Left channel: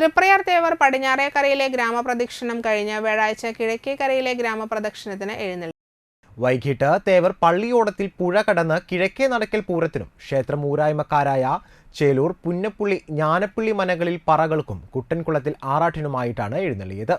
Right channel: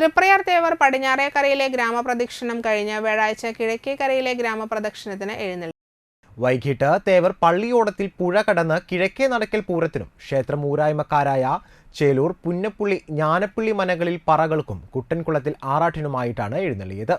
തൃപ്രയാർ തേവർ പടിഞ്ഞാറേക്കരയിലെ ഗ്രാമപ്രദക്ഷിണം കഴിഞ്ഞ് വ്യാഴാഴ്ച കിഴക്കേക്കരയിലെ ഗ്രാമപ്രദക്ഷിണത്തിന് എഴുന്നള്ളി. വൈകിട്ട് തേവർ പള്ളിയോടത്തിൽ പുഴ കടന്ന് കിഴക്കേ നടക്കൽ പൂരത്തിനും ക്ഷേത്രം ഊരായ്മക്കാരായ ചേലൂർ, പുന്നപ്പുള്ളി, ജ്ഞാനപ്പള്ളി മനകളിൽ പറകൾക്കും കുട്ടൻകുളത്തിൽ ആറാട്ടിനുമായിട്ടാണ് എഴുന്നള്ളിയത്.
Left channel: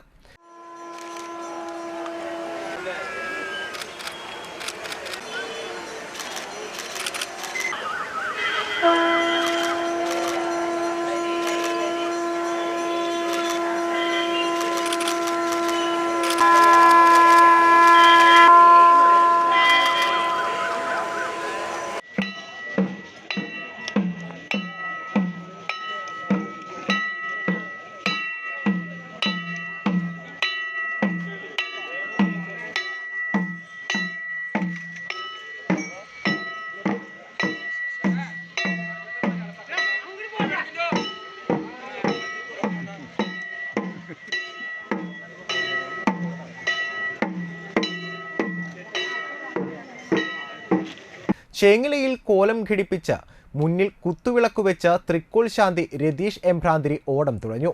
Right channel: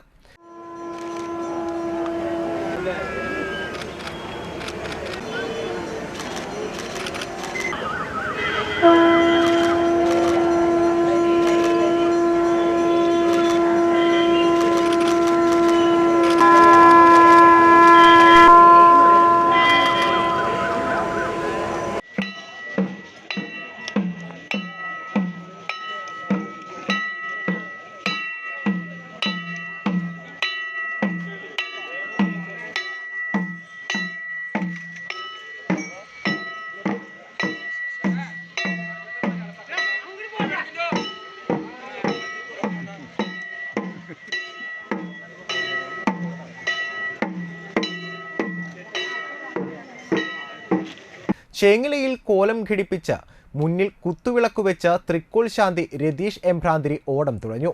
ചേങ്ങിലയിൽ കോലം ഘടിപ്പിച്ച് മുന്നിൽ കുത്തുവിളക്ക് വെച്ച് തൃക്കോൾ ശാന്തി രതീഷ് എംഭ്രാന്തിരി ഓടം തുഴഞ്ഞു.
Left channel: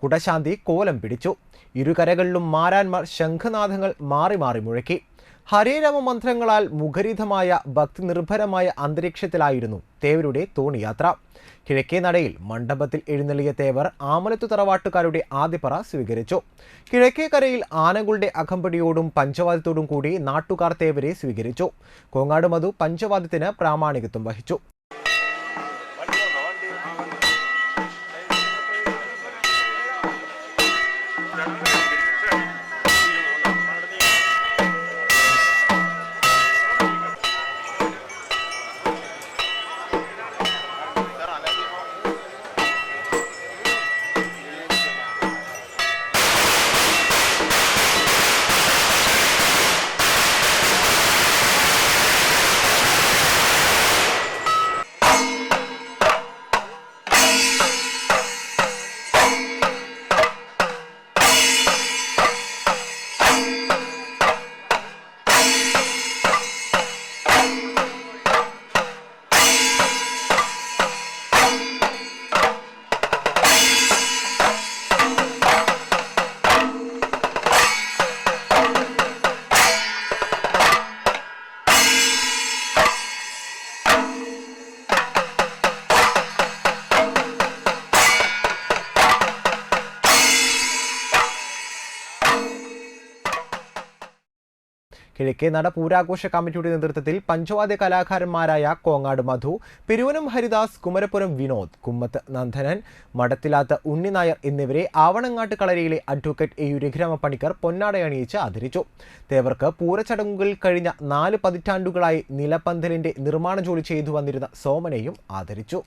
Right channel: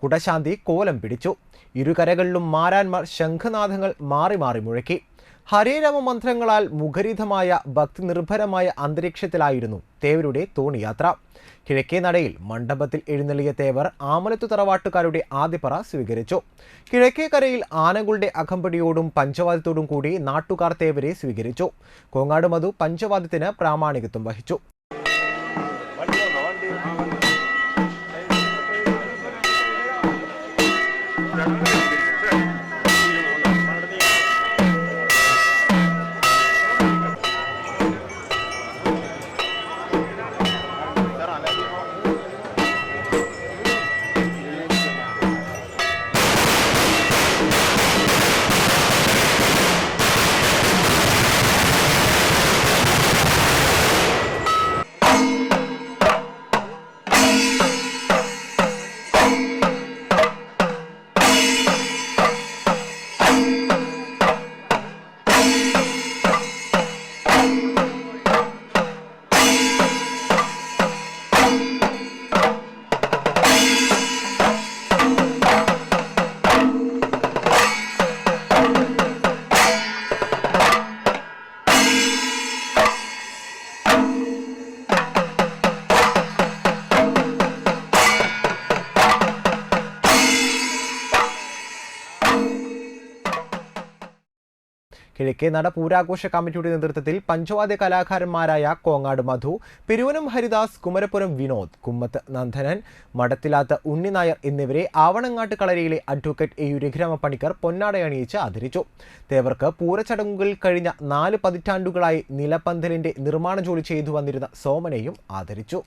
കുടശാന്തി കോലം പിടിച്ചു. ഇരുകരകളിലും മാരാന്മാർ ശംഖനാദങ്ങൾ മാറി മാറി മുഴക്കി. ഹരേ രാമ മന്ത്രങ്ങളാൽ മുഖരിതമായ ഭക്തി നിർഭരമായ അന്തരീക്ഷത്തിലായിരുന്നു തേവരുടെ തോണിയാത്ര. കിഴക്കേ നടയിൽ മണ്ഡപത്തിൽ എഴുന്നള്ളിയ തേവർ ആമലത്തു തറവാട്ടുകാരുടെ ആദ്യപറ സ്വീകരിച്ചു. കിഴക്കേക്കരയിൽ ആനകളുടെ അകമ്പടിയോടും പഞ്ചവാദ്യത്തോടും കൂടി നാട്ടുകാർ തേവരെ സ്വീകരിച്ചു. കോങ്ങാട് മധു പഞ്ചവാദ്യത്തിന് പ്രാമാണികത്വം വഹിച്ചു. കിഴക്കേ നട പൂരാഘോഷ കമ്മിറ്റിയുടെ നേതൃത്വത്തിൽ പഞ്ചവാദ്യ കലാകാരന്മാരായ കോങ്ങാട് മധു, പെരുവനം ഹരിദാസ്, കുമരപ്പുരം വിനോദ്, കുമ്മത്ത് നന്ദനൻ, മടത്തിലാത്ത് ഉണ്ണിനായർ എന്നിവരെ ആവണങ്ങാട്ട് കളരിയിലെ അഡ്വക്കേറ്റ് എ. രഘുരാമ പണിക്കർ പൊന്നാടയണിയിച്ച് ആദരിച്ചു. തേവർക്ക് പൂരച്ചടങ്ങുകളിൽ കഴിഞ്ഞ 4 പതിറ്റാണ്ടുകളായി നിലപ്പന്തലിന്റെ നിർമ്മാണ ജോലി ചെയ്തു വന്നിരുന്ന സോമനെയും ആദരിച്ചു.